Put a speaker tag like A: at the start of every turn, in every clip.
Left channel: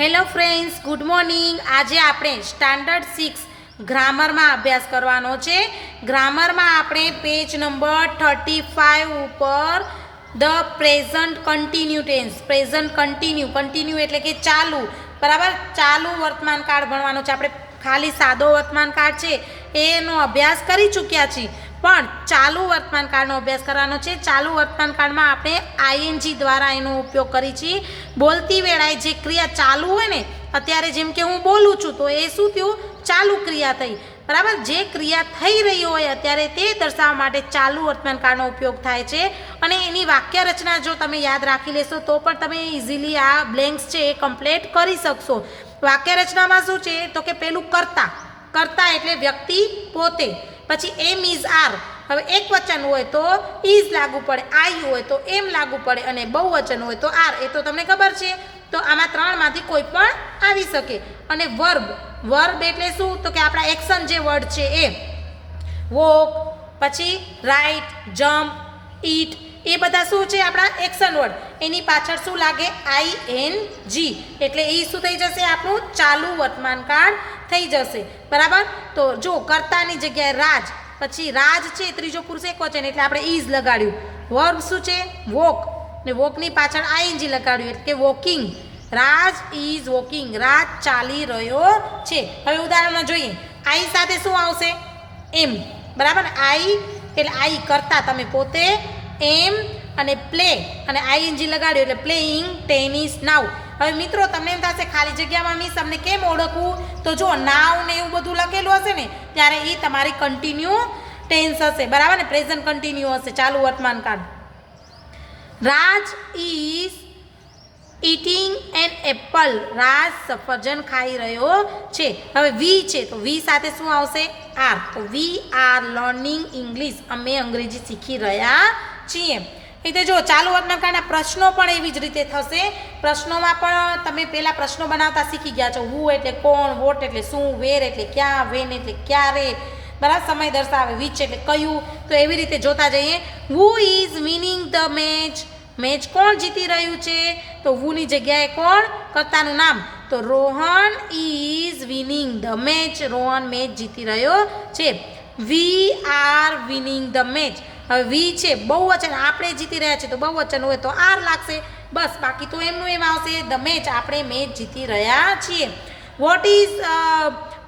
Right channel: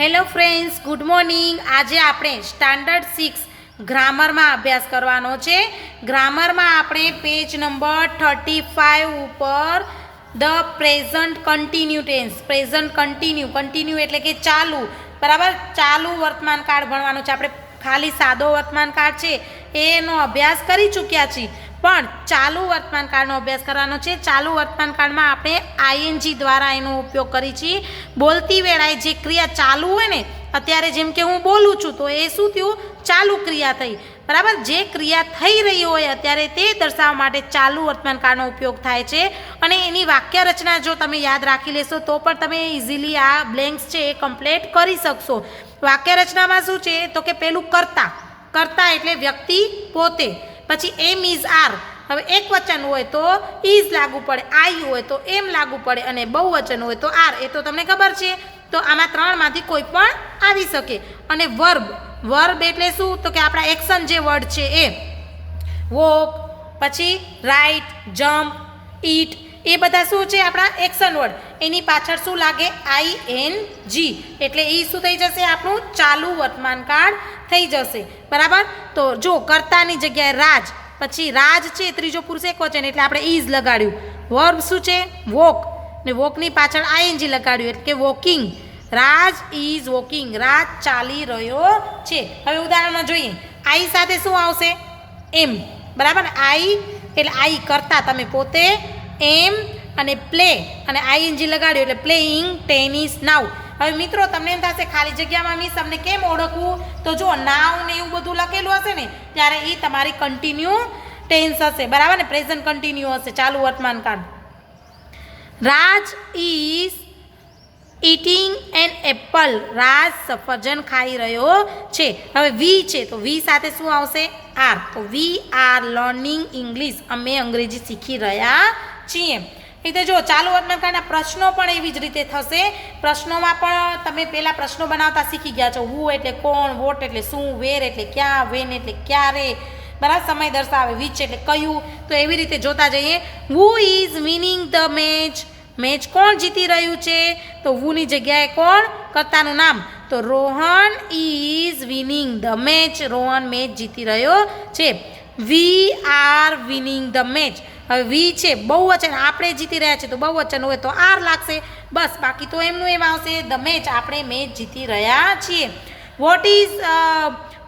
A: Hello friends good morning આજે આપણે standard six ગ્રામરમાં અભ્યાસ કરવાનો છે. ગ્રામરમાં આપણે પેજ નંબર થર્ટી ફાઇવ ઉપર the present continue tense present continue continue એટલે કે ચાલુ. બરાબર? ચાલુ વર્તમાન કાળ ભણવાનો છે. આપણે ખાલી સાદો વર્તમાન કાળ છે. એનો અભ્યાસ કરી ચૂક્યા છીએ. પણ ચાલુ વર્તમાન કાળનો અભ્યાસ કરવાનો છે. ચાલુ વર્તમાન કાળમાં આપણે આઈએનજી દ્વારા એનો ઉપયોગ કરી છીએ બોલતી વેળાએ જે ક્રિયા ચાલુ હોય ને, અત્યારે જેમ કે હું બોલું છું, તો એ શું થયું? ચાલુ ક્રિયા થઈ. બરાબર? જે ક્રિયા થઈ રહી હોય અત્યારે તે દર્શાવવા માટે ચાલુ વર્તમાન કાળનો ઉપયોગ થાય છે. અને એની વાક્ય રચના જો તમે યાદ રાખી લેશો, તો પણ તમે ઇઝીલી આ બ્લેન્ક્સ છે એ કમ્પ્લીટ કરી શકશો. વાક્ય રચનામાં શું છે? તો કે પેલું કરતા. કરતા એટલે વ્યક્તિ પોતે. પછી એમ ઇઝ આર હવે એક વચન હોય તો ઇઝ લાગુ પડે, આઈ હોય તો એમ લાગુ પડે અને બહુવચન હોય તો આર. એ તો તમને ખબર છે. તો આમાં ત્રણમાંથી કોઈ પણ આવી શકે. અને વર્બ વર્બ એટલે શું? તો કે આપણા એક્શન જે વર્ડ છે એ. વોક પછી રાઇટ જમ્પ ઈટ એ બધા શું છે આપણા એક્શન વર્ડ એની પાછળ શું લાગે? આઈ એન જી એટલે એ શું થઈ જશે? આપણું ચાલુ વર્તમાન કાળ થઈ જશે. બરાબર? તો જો કર્તાની જગ્યાએ રાજ, પછી રાજ છે ત્રીજો પુરુષ એક વચન, એટલે આપણે ઇઝ લગાડ્યું. વર્બ શું છે? વોક ને વોકની પાછળ આઈએનજી લગાડ્યું, એટલે કે walking Raj is walking. Raj ચાલી રહ્યો છે. હવે ઉદાહરણમાં જોઈએ. આઈ સાથે શું આવશે? એમ બરાબર? આઈ એટલે આઈ કરતા તમે પોતે એમ અને પ્લે અને આઈએનજી લગાડ્યું એટલે પ્લેઇંગ ટેનિસ નાવ હવે મિત્રો, તમને એમ થશે, ખાલી જગ્યામાં મિસ તમને કેમ ઓળખવું? તો જો નાવ ને એવું બધું લખેલું હશે ને, ત્યારે એ તમારી કન્ટિન્યુ ટેન્સ હશે. બરાબર ને? પ્રેઝન્ટ કન્ટિન્યુ હશે. ચાલુ વર્તમાન કાળ. Raj is eating an apple. Raj સફરજન ખાઈ રહ્યો છે. હવે વી છે. તો વી સાથે શું આવશે? આર તો વી આર લર્નિંગ ઇંગ્લિશ. અમે અંગ્રેજી શીખી રહ્યા છીએ એટલે જો, ચાલુ વર્તમાન કાળના પ્રશ્નો પણ એવી જ રીતે થશે. પ્રશ્નોમાં પણ તમે પહેલાં પ્રશ્નો બનાવતા શીખી ગયા છો. હું એટલે કોણ વોટ એટલે શું વેર એટલે ક્યાં વેન એટલે ક્યારે? બરાબર? સમય દર્શાવે વિચ એટલે કયું? તો એવી રીતે જોતા જઈએ. Who is winning the match match કોણ જીતી રહ્યું છે? તો હુની જગ્યાએ કોણ? કરતાનું નામ. તો Rohan is winning the match Rohan match જીતી રહ્યો છે. We are winning the match હવે વી છે, બહુવચન, આપણે જીતી રહ્યા છે તો બહુવચન હોય તો આર લાગશે. બસ, બાકી તો એમનું એમ આવશે, ધ મેચ, આપણે મેચ જીતી રહ્યા છીએ. What is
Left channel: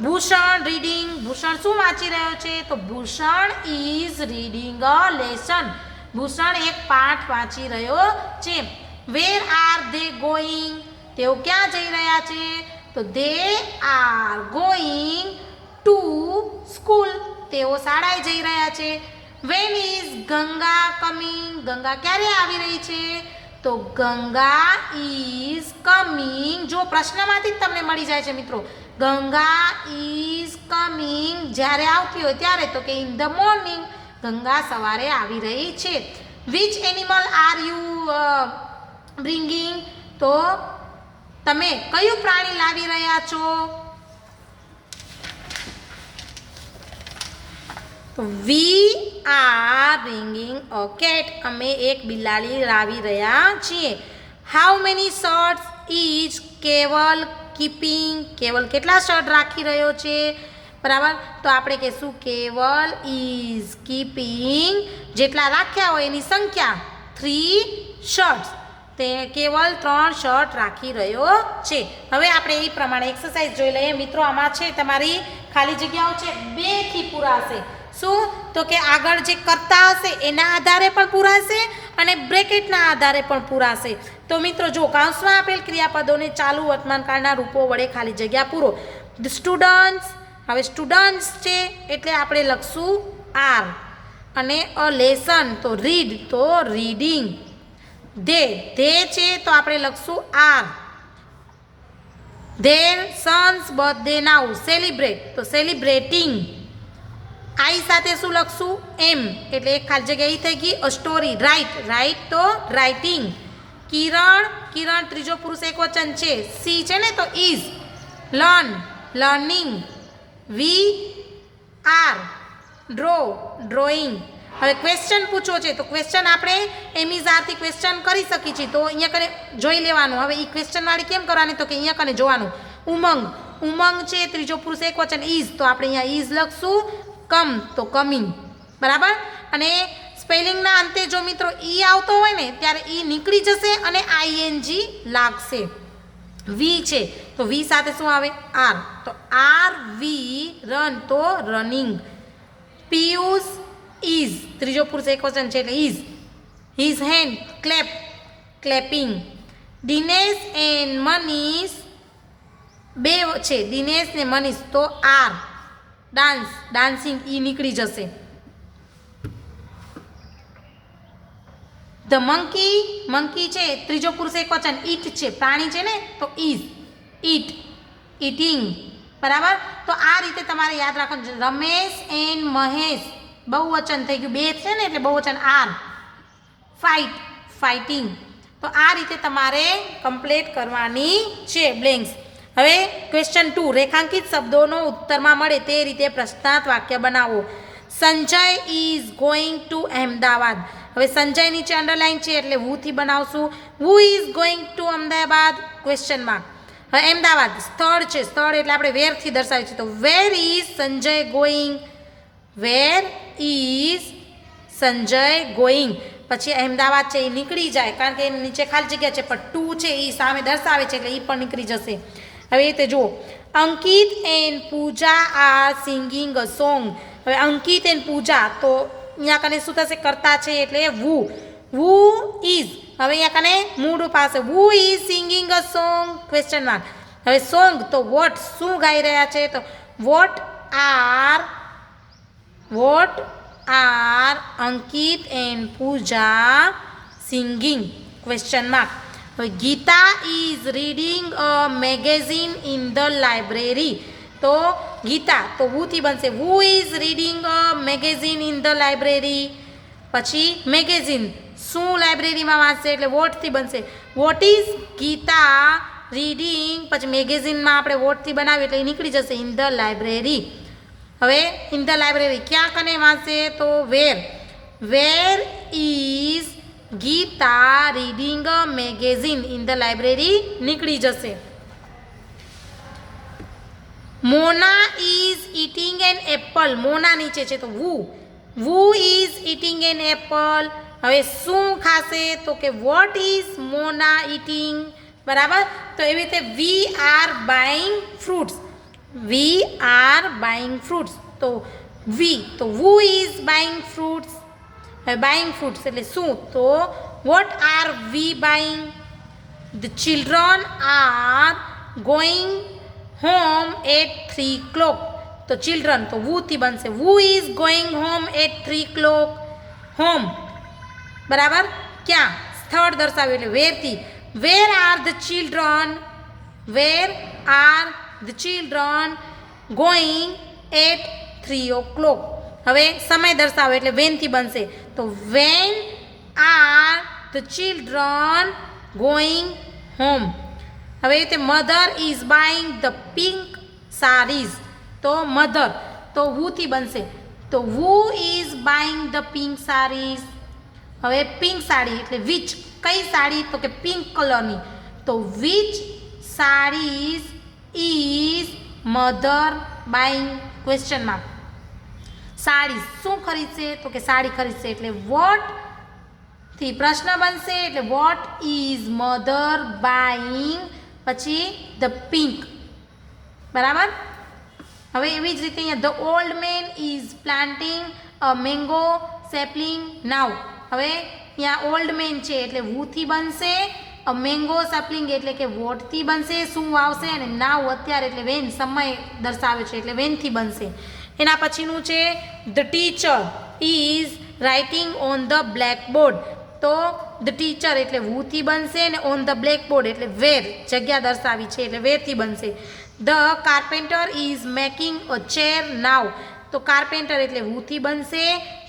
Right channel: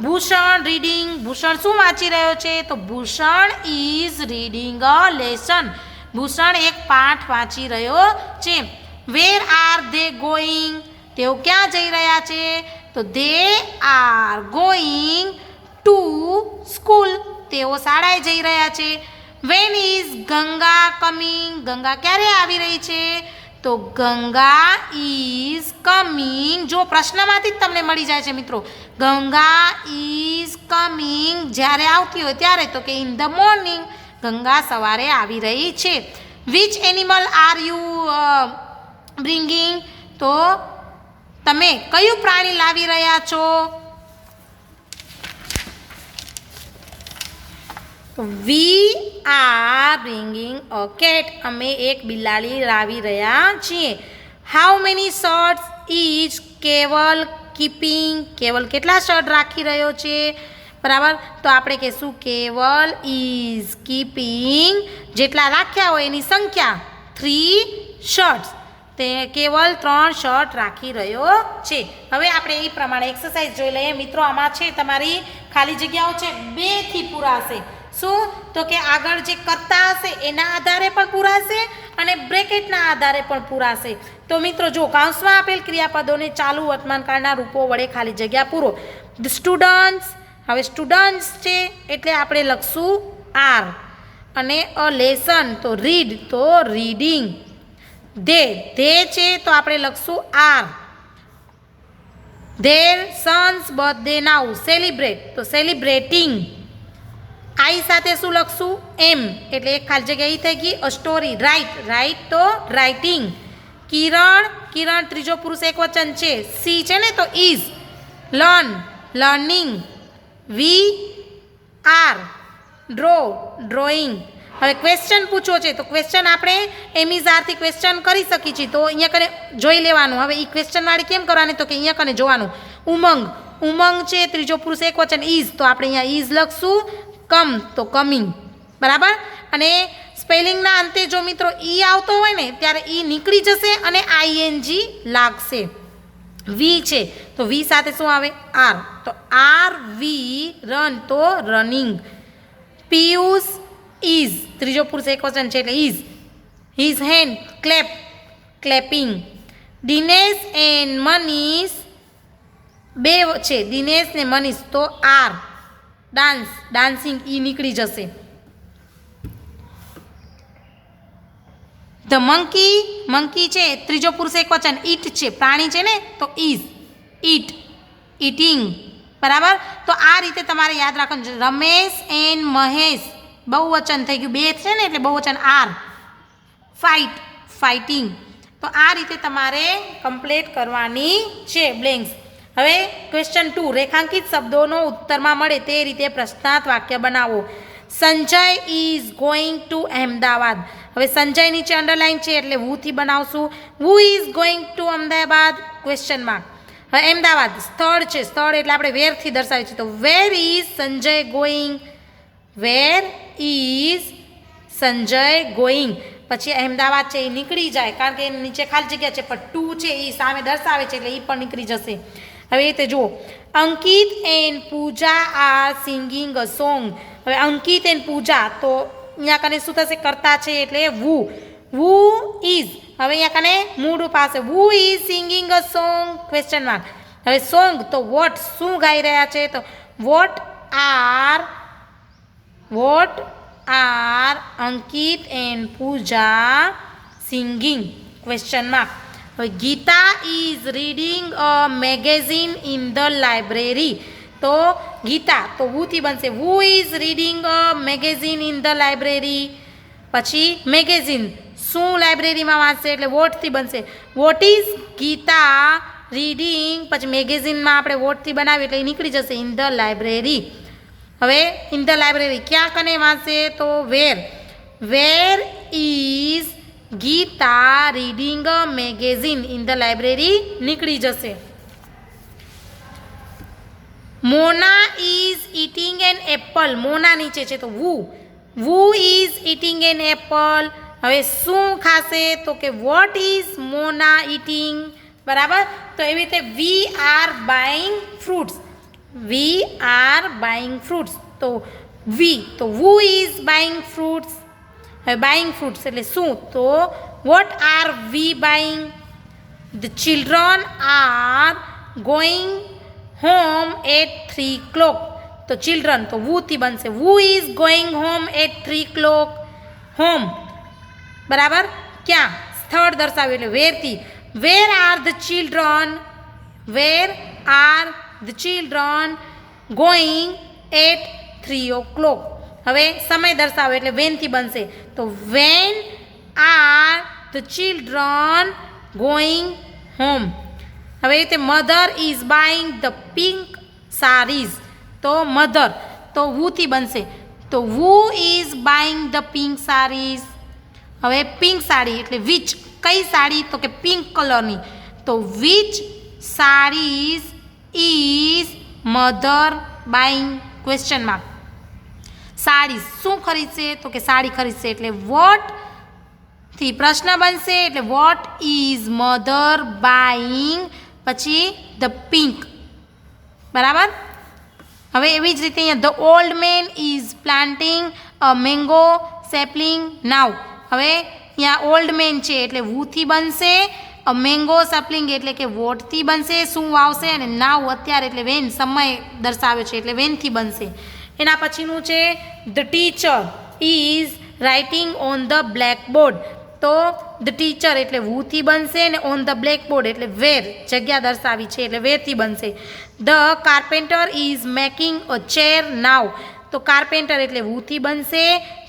A: Bhushan reading? Bhushan શું વાંચી રહ્યો છે? તો Bhushan is reading a lesson Bhushan એક પાઠ વાંચી રહ્યો છે. વેર આર ધે ગોઈંગ તેઓ ક્યાં જઈ રહ્યા છે? તો they are going to school તેઓ શાળાએ જઈ રહ્યા છે. When is Ganga coming Ganga ક્યારે આવી રહી છે? તો ગંગા ઇઝ કમિંગ જો પ્રશ્નમાંથી જ તમને મળી જાય છે મિત્રો ગંગા ઇઝ કમિંગ જ્યારે આવતી હોય ત્યારે તો કે ઇન ધ મોર્નિંગ ગંગા સવારે આવી રહી છે. Which animal are you bringing તો તમે કયું પ્રાણી લાવી રહ્યા છો? We are bringing a cat અમે એક બિલાડી લાવી રહ્યા છીએ. How many shirts is Keval keeping Keval કેટલા શર્ટ રાખી રહ્યો છે? બરાબર? તો આપણે કહીશું કેવલ ઇઝ કીપિંગ જેટલા રાખ્યા હોય એની સંખ્યા થ્રી શર્ટ્સ તે કેવલ ત્રણ શર્ટ રાખી રહ્યો છે. હવે આપણે એ પ્રમાણે એક્સરસાઇઝ જોઈ લઈએ. મિત્રો, આમાં છે તમારી ખાલી જગ્યાઓ છે. બેથી પૂરાશે શું? તો કે આગળ જે કરતા હશે એના આધારે પણ પૂરાશે અને બ્રેકેટના આધારે પણ પૂરાશે. તો મિત્રો જો કાંસમાં આપેલ ક્રિયાપદોને ચાલુ વર્તમાનકાળના રૂપો વડે ખાલી જગ્યા પૂરો. સ્ટુડન્ટ્સ, હવે સ્ટુડન્ટ્સ છે એટલે આપણે લખશું આર અને અ લેસન, તો રીડ, તો રીડિંગ. ધે ધે છે તો આપણે લખશું R. There, sons, birthday, now, celebrate, તો સેલિબ્રેટિંગ. આઈ સાથે શું લખશું? એમ. એટલે એક ખાલી જગ્યા એ થઈ ગઈ. સ્ટોરી રાઇટ રાઇટ તો રાઇટિંગ કિરણ કિરણ ત્રીજો પુરુષ એક વચન છે. સી છે ને તો is learn learning we are draw drawing હવે ક્વેશ્ચન પૂછવો છે. તો ક્વેશ્ચન આપણે એમિઝારથી ક્વેશ્ચન કરી શકીએ છીએ. તો અહીંયા કને જોઈ લેવાનું. હવે એ ક્વેશ્ચનવાળી કેમ કરવાની? તો કે અહીંયા કને જોવાનું. ઉમંગ. ઉમંગ છે, ત્રીજો પુરુષ એક વચન ઇઝ તો આપણે અહીંયા ઇઝ લખશું. કમ તો કમિંગ. બરાબર? અને સ્પેલિંગના અંતે જો મિત્રો ઈ આવતો હોય ને, ત્યારે ઈ નીકળી જશે અને આઈએનજી લાગશે. વી છે, તો વી સાથે શું આવે? આર તો આર વી રન તો રનિંગ પિયુષ ઇઝ ત્રીજો પુરુષ એક વચન છે એટલે is his hand clap clapping Dinesh and Manish બે છે દિનેશ ને મનીષ તો આર ડાન્સ ડાન્સિંગ એ નીકળી જશે. ધ મંકી મંકી છે, ત્રીજો પુરુષ એક વચન, ઈટ છે, પ્રાણી છે ને, તો ઇઝ ઈટ, ઈટિંગ, બરાબર? તો આ રીતે તમારે યાદ રાખવાનું છે. રમેશ એન્ડ મહેશ, બહુવચન થઈ ગયું. બે છે ને, એટલે બહુવચન આર. ફાઇટ ફાઇટિંગ તો આ રીતે તમારે કમ્પ્લીટ કરવાની છે બ્લેન્ક્સ હવે ક્વેશ્ચન ટુ રેખાંકિત શબ્દોનો ઉત્તરમાં મળે તે રીતે પ્રશ્નાર્થ વાક્ય બનાવો. Sanjay is going to Ahmedabad હવે સંજય નીચે અંડરલાઈન છે એટલે હુથી બનાવશું? Who is going to Ahmedabad? Question mark હવે અમદાવાદ, સ્થળ છે. સ્થળ એટલે આપણે વેરથી દર્શાવીએ છીએ તો where is Sanjay going where is Sanjay going પછી અહેમદાબાદ છે એ નીકળી જાય કારણ કે એની નીચે ખાલી જગ્યા છે, પણ ટુ છે એ સામે દર્શાવે છે એટલે એ પણ નીકળી જશે. હવે એ રીતે જુઓ. Ankit and Puja are singing a song હવે અંકિત એન્ડ પૂજા તો અહીંયા કને શું થશે? કરતા છે એટલે વુ. વુ ઇઝ હવે અહીંયા કને મૂળ પાસે who is singing a song question mark હવે સોંગ તો વોટ શું ગાઈ રહ્યા છે? તો what are what are Ankit and Puja singing question mark Gita is reading a magazine in the library તો ગીતા, તો હુથી બનશે? Who is reading a magazine in the library પછી મેગેઝિન શું લાઇબ્રેરીમાં વાંચશે? એટલે વોટથી બનશે? વોટ ઇઝ ગીતા રીડિંગ પછી મેગેઝિનમાં આપણે વોટથી બનાવીએ એટલે નીકળી જશે ઇન ધ લાઇબ્રેરી હવે ઇન ધ લાઇબ્રેરી ક્યાં કને વાંચશે? તો where where is Geeta reading magazine in the library નીકળી જશે. Mona is eating an apple. Mona નીચે છે તો who. Who is eating an apple. હવે શું ખાશે? તો કે વોટ ઇઝ મોના ઇટિંગ બરાબર? તો એવી રીતે we are buying fruits. We are buying fruits. તો વી. તો વુ ઇઝ બાઇંગ ફ્રૂટ્સ. હવે બાઇંગ ફૂડ્સ એટલે શું? તો what are we buying the children are going home at three clock તો ચિલ્ડ્રન તો વુથી બનશે. Who is going home at three clock home બરાબર? ક્યાં? સ્થળ દર્શાવ્યું એટલે વેરથી. Where are the children where are the children going at three o'clock હવે સમય દર્શાવે એટલે વેનથી બનશે. તો when are the children going home હવે તે mother is buying the pink saris તો મધર તો હુથી બનશે? તો who is buying the pink saris હવે પિંક સાડી એટલે વિચ કઈ સાડી? તો કે પિંક કલરની તો which saris is mother buying question mark sari શું ખરીદશે? તો કે સાડી ખરીદશે એટલે વોટથી પ્રશ્ન બનશે એટલે વોટ ઇઝ મધર બાઇંગ પછી ધ પિંક બરાબર? હવે એવી જ રીતે અહીંયા the old man is planting a mango sapling now હવે અહીંયા ઓલ્ડ મેન છે એટલે વુથી બનશે? મેંગો સપલિંગ એટલે કે વોટથી બનશે? શું આવશે? અને નાવ અત્યારે એટલે વેન સમય દર્શાવે છે એટલે વેનથી બનશે. એના પછીનું છે the teacher is writing on the blackboard તો ધ ટીચર એટલે હુથી બનશે ને ઓન ધ બ્લેકબોર્ડ એટલે વેર જગ્યા દર્શાવી છે, એટલે વેરથી બનશે. The carpenter is making a chair now તો કાર્પેન્ટર એટલે હુથી બનશે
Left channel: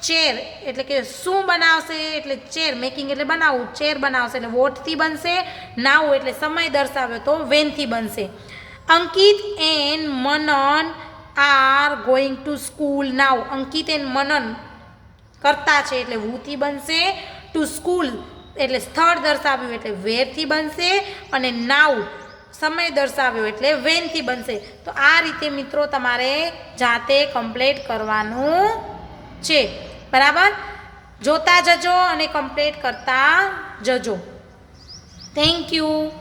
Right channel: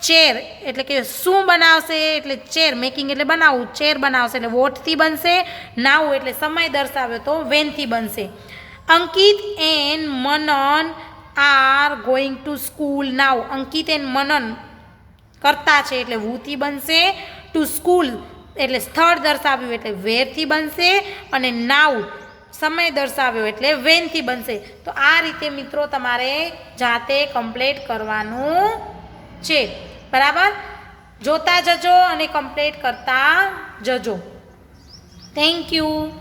A: ચેર એટલે કે શું બનાવશે એટલે ચેર મેકિંગ એટલે બનાવવું ચેર બનાવશે એટલે વોટથી બનશે નાવ એટલે સમય દર્શાવ્યો તો વેનથી બનશે Ankit and Manan are going to school now Ankit and Manan કરતા છે એટલે વૂથી બનશે ટુ સ્કૂલ એટલે સ્થળ દર્શાવ્યું એટલે વેરથી બનશે અને નાવ સમય દર્શાવ્યો એટલે વેનથી બનશે. તો આ રીતે મિત્રો તમારે જાતે કમ્પ્લીટ કરવાનું છે. બરાબર? જોતા જજો અને કમ્પ્લીટ કરતા જજો. Thank you